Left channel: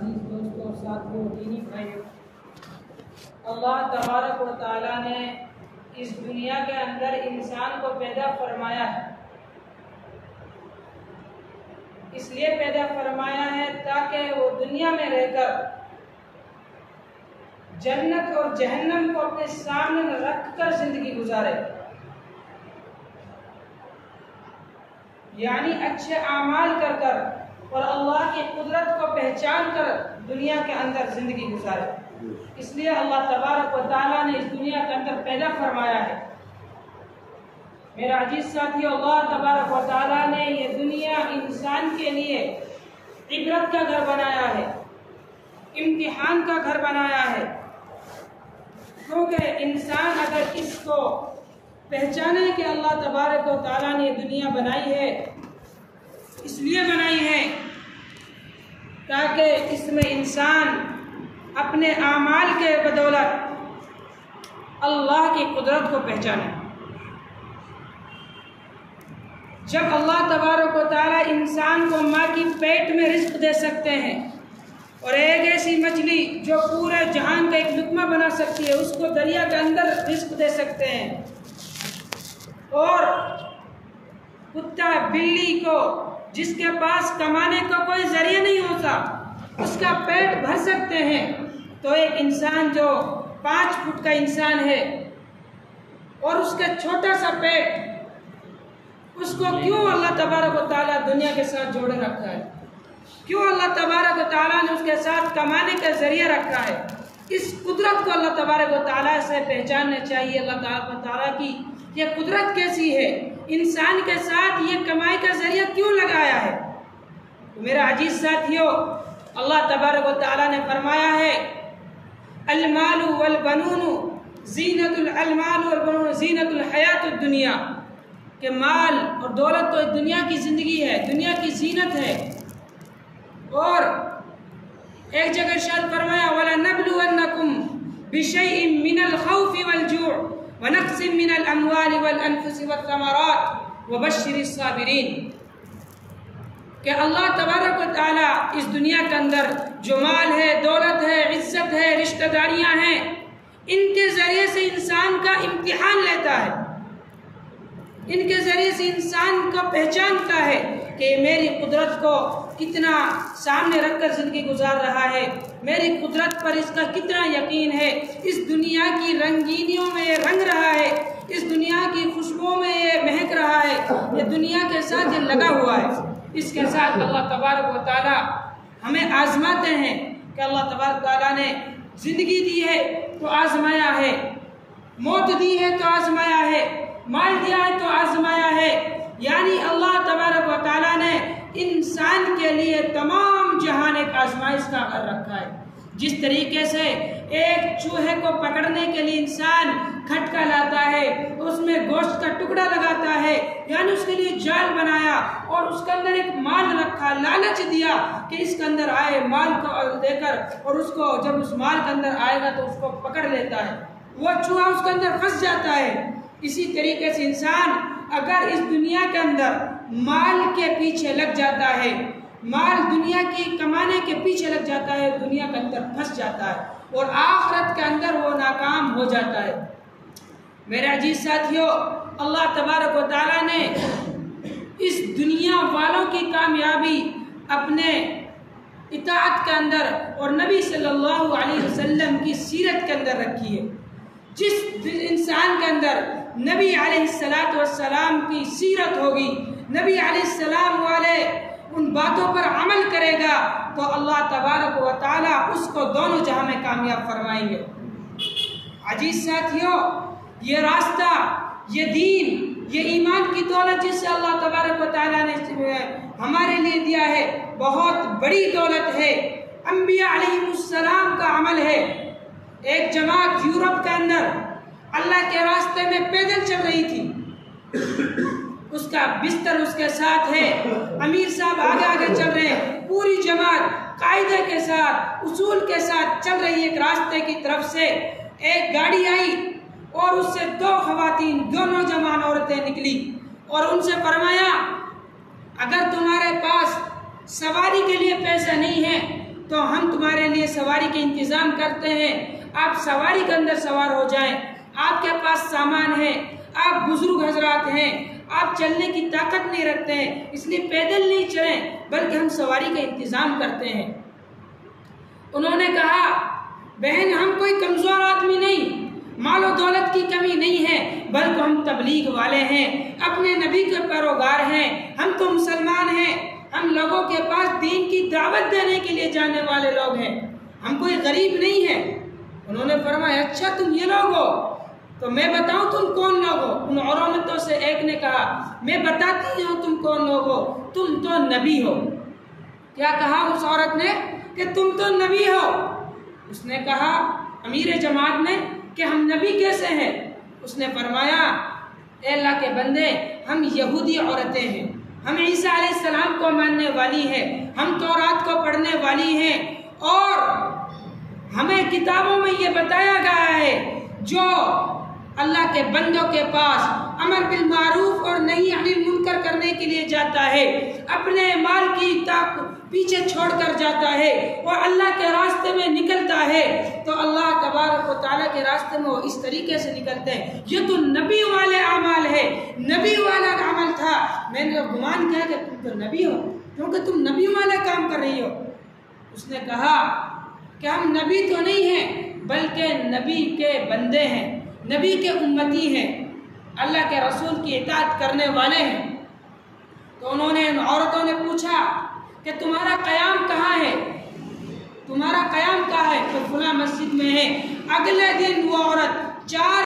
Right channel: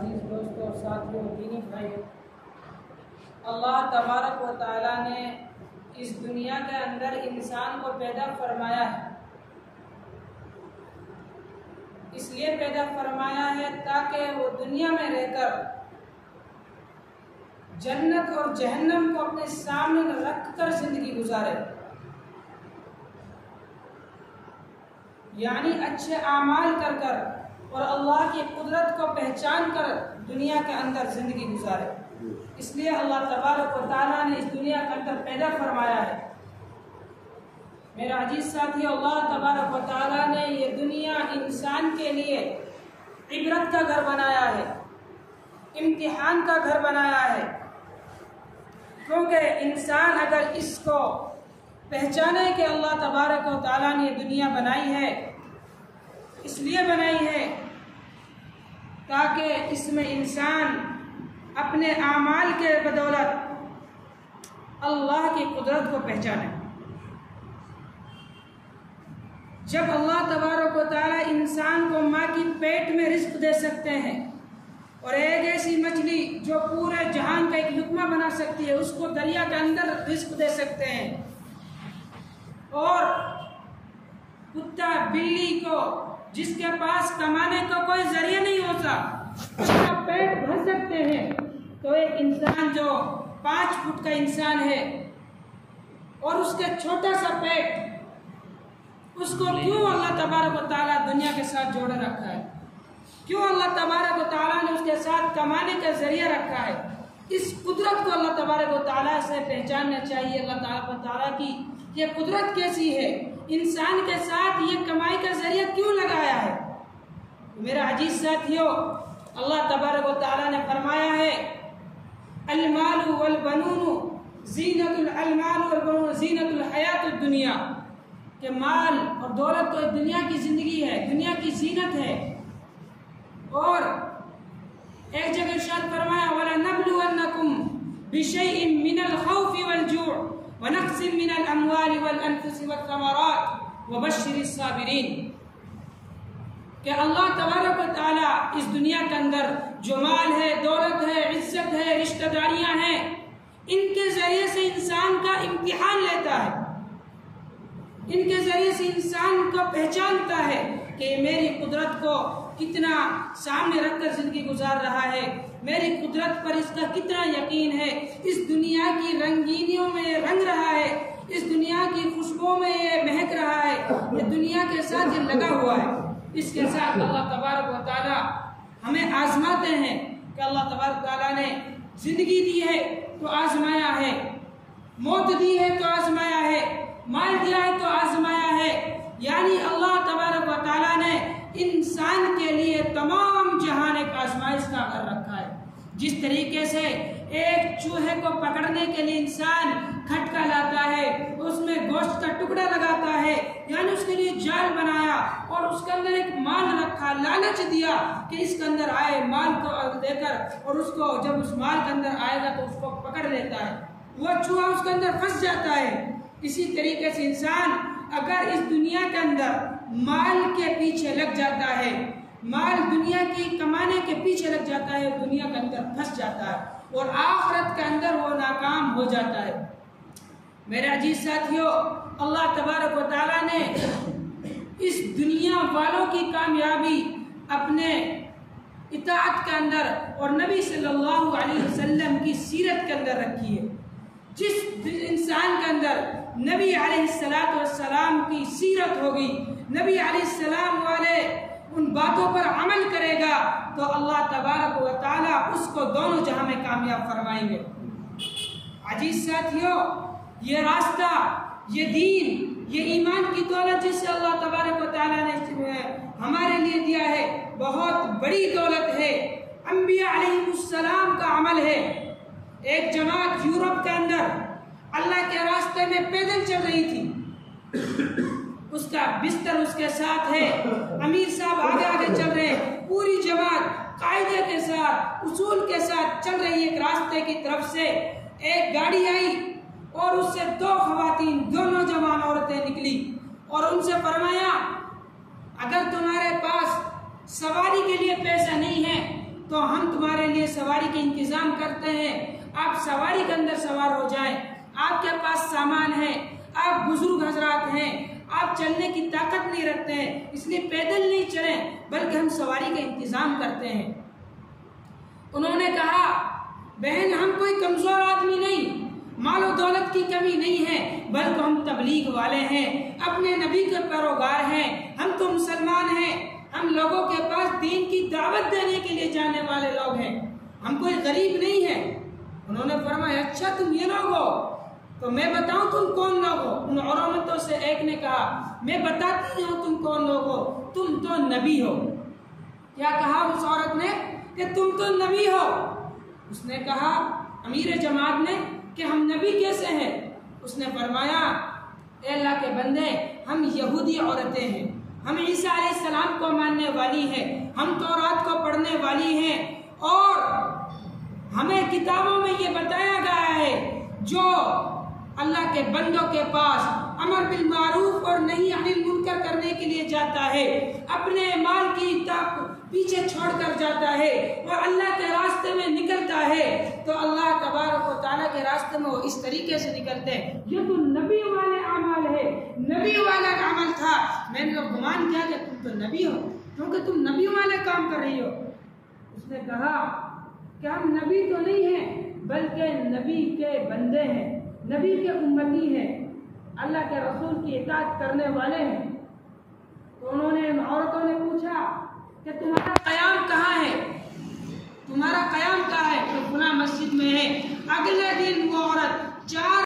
अजीज़ दोस्तों और साथियों, दीनी भाइयों, अल्लाह तबारक व तआला ने इस दुनिया के अंदर इंसान को पैदा फरमाया है। इसलिए पैदा फरमाया है ताकि वो दुनिया में रहकर जन्नत और जहन्नम को अपने सामने रखकर जिंदगी गुजारे, यानी अच्छे आमाल कर कर और अल्लाह की कुदरत को पहचान कर दुनिया के अंदर जिंदगी गुजारे। इसलिए अल्लाह तबारक व तआला ने इस दुनिया के अंदर पैदा फरमाया है। मेरा अजीज साथी, अल्लाह तबारक व तआला ने ये दुनिया इंसान के लिए इबरत का घर बनाया है, इम्तिहान का घर बनाया है। क्योंकि इंसान अगर इसको पहचाने कि अल्लाह तबारक व तआला ने ये दुनिया बनाई है, इसलिए बनाई है ताकि इसमें इंसान अपने आमाल के बदौलत अल्लाह की कुदरत को पहचाने। जब अल्लाह तबारक व तआला इंसान को माँ की पेट में रिस्क दे सकते हैं और एक ऐसी मछली जो पूरे जहान का एक लुकमा बना सकती है उसको दरिया के अंदर रिस्क दे सकते हैं, और कुत्ता बिल्ली को जिसके पास कमाने का कोई जरिया नहीं होता उसका पेट भर सकते हैं, तो एक इंसान जो 5 फुट का इंसान है और उसका छोटा सा पेट, उसको क्यों अल्लाह तबारक व तआला दुनिया के साथ जोड़े रखा है? क्यों अल्लाह तबारक व तआला ने उसके साथ कमाने का जरिया रखा है? इस कुदरत को अल्लाह तबारक व तआला से पहचानना चाहिए। अल्लाह तबारक व तआला की ये कुदरत कैसी है, इंसान के साथ ये कमाई का जरिया क्यों लगाया है? तो मेरा अजीज साथियों, अल्लाह तबारक व तआला ने फरमाया है, अल-मालु वल बनूनु ज़ीनतुल अल-माल वल बनूनु ज़ीनतुल हयातुद दुनिया, कि माल और दौलत तो दुनिया की जिंदगी है, दुनिया की जीनत है। और एक जगह इरशाद फरमाया, वला नबलुवन्नकुम बिशैइन मिनल खौफि वल जूअ व नक़्सिम मिनल अमवालि वल अनफुसि वत तमरात व बश्शिरिस साबिरीन, कि अल्लाह तबारक व तआला इस दुनिया के अंदर जो माल है, दौलत है, इज्जत है, रिश्तेदारियां हैं, इनके जरिए से इंसान का इम्तिहान लेता है, इनके जरिए से इंसान को पहचानता है कि मेरी कुदरत को कितना सामने रखकर जिंदगी गुजार रहा है, मेरी कुदरत पर इसका कितना यकीन है, इस दुनिया की रंगीनियों में ये रंग रहा है, इस दुनिया की खुशबुओं में ये महक रहा है, ये दुनिया के साथ ये लगा हुआ है। इसके साथ अल्लाह तबारक व तआला हमें आजमाते हैं कि अल्लाह तबारक व तआला ने जिंदगी दी है तो आजमाया है, मौत दी है तो आजमाया है, माल दिया है तो आजमाया है। यानी अल्लाह तबारक व तआला ने इंसान के लिए तमाम जहान एक आजमाइश का घर रखा है। जिस तरीके से एक चूहे को पकड़ने के लिए इंसान खटका लाता है, उसमें गोश्त का टुकड़ा लगाता है, यानी उसके लिए जाल बनाया और उसके अंदर एक माल रखा, लालच दिया कि इसके अंदर आए, माल को देकर, और उसको जब उस माल के अंदर आएगा तो उसको पकड़ लेता है, वह चूहा उसके अंदर फंस जाता है। इसी तरीके से इंसान अगर इस दुनिया के अंदर माल के पीछे लग जाता है, माल दुनिया की कमाने के पीछे लग जाता है, दुनिया के अंदर फंस जाता है और आखिरत के अंदर वो नाकाम हो जाता है। मेरे अजीज साथियों, अल्लाह तबारक व तआला ने इस दुनिया वालों की कामयाबी अपने इताअत के अंदर और नबी सल्लल्लाहु अलैहि वसल्लम की सीरत के अंदर रखी है। जिस इंसान के अंदर नबी अलैहिस्सलातु वस्सलाम की सीरत होगी, नबी अलैहिस्सलाम वाले उन बातों पर अमल करेगा, तो अल्लाह तबारक व तआला उसको दोनों जहां में कामयाब फरमाएंगे। अजीज साथियों, ये रास्ता, ये दीन, ये ईमान की दौलत जिसे अल्लाह तबारक व तआला ने हमारे लिए दिया है, बहुत बड़ी दौलत है। अंबिया अलैहिमुस्सलाम का अमल है। एक जमात यूरोप के अंदर अल्लाह के रास्ते में पैदल चल रही थी, उसका बिस्तर उसके साथ है, अमीर साहब आगे आगे चल रहे हैं, पूरी जमात कायदे के साथ, उसूल के साथ चल रही है। एक रास्ते की तरफ से एक गाड़ी आई और उससे 2 खवातीन, 2 नौजवान औरतें निकली और उनसे फरमाया, अगर तुम्हारे पास सवारी के लिए पैसा नहीं है तो हम तुम्हारे लिए सवारी के इंतज़ाम करते हैं, आप सवारी के अंदर सवार हो जाएं। आपके पास सामान है, आप बुजुर्ग हजरात हैं, आप चलने की ताकत नहीं रखते हैं, इसलिए पैदल नहीं चलें बल्कि हम सवारी का इंतज़ाम करते हैं। उन्होंने कहा, बहन हम कोई कमज़ोर आदमी नहीं, मालो दौलत की कमी नहीं है, बल्कि हम तबलीग वाले हैं, अपने नबी के पैरोगार हैं, हम तो मुसलमान हैं, हम लोगों के पास दीन की दावत देने के लिए जाने वाले लोग हैं, हम कोई गरीब नहीं है। उन्होंने फरमाया, अच्छा तुम ये लोग हो, तो मैं बताऊं तुम कौन लोग हो? उन औरतों से एक ने कहा, मैं बताती हूँ तुम कौन लोग हो, तुम तो नबी हो। क्या कहा उस औरत ने? कि तुम तो नबी हो। उसने कहा, अमीर जमात ने, कि हम नबी कैसे हैं? उसने फरमाया, अल्लाह के बंदे, हम यहूदी औरतें हैं, हम ईसा अलैहिस्सलाम को मानने वाली हैं, हम तौरात को पढ़ने वाली हैं, और हमें किताबों में ये बताया गया है जो अल्लाह के बंदों के पास अमर बिल मारूफ और नही अनिल मुनकर करने के लिए जाता है, अपने माल की ताक पीछे छोड़कर जाता है और अल्लाह के रास्ते में निकलता है, तो अल्लाह तबारक व तआला के रास्ते में वो इस तरीके से निकलते हैं। ये तो नबी वाले अमाल है, नबी वाला अमल था। मैंने तो गुमान किया कि तुम तो नबी हो, क्योंकि तुम नबी वाला काम कर रही हो। उसने कहा कि हम नबी तो नहीं हैं, बल्कि नबी के बंदे हैं, नबी के उम्मती हैं, अल्लाह के रसूल की इताअत करने वाले हैं। तो उन्होंने, उन औरतों ने पूछा कि तुम्हारा क़याम कहाँ है, तुम्हारा क़याम कहाँ है? कि फुला मस्जिद में है। अगले दिन वो औरत 4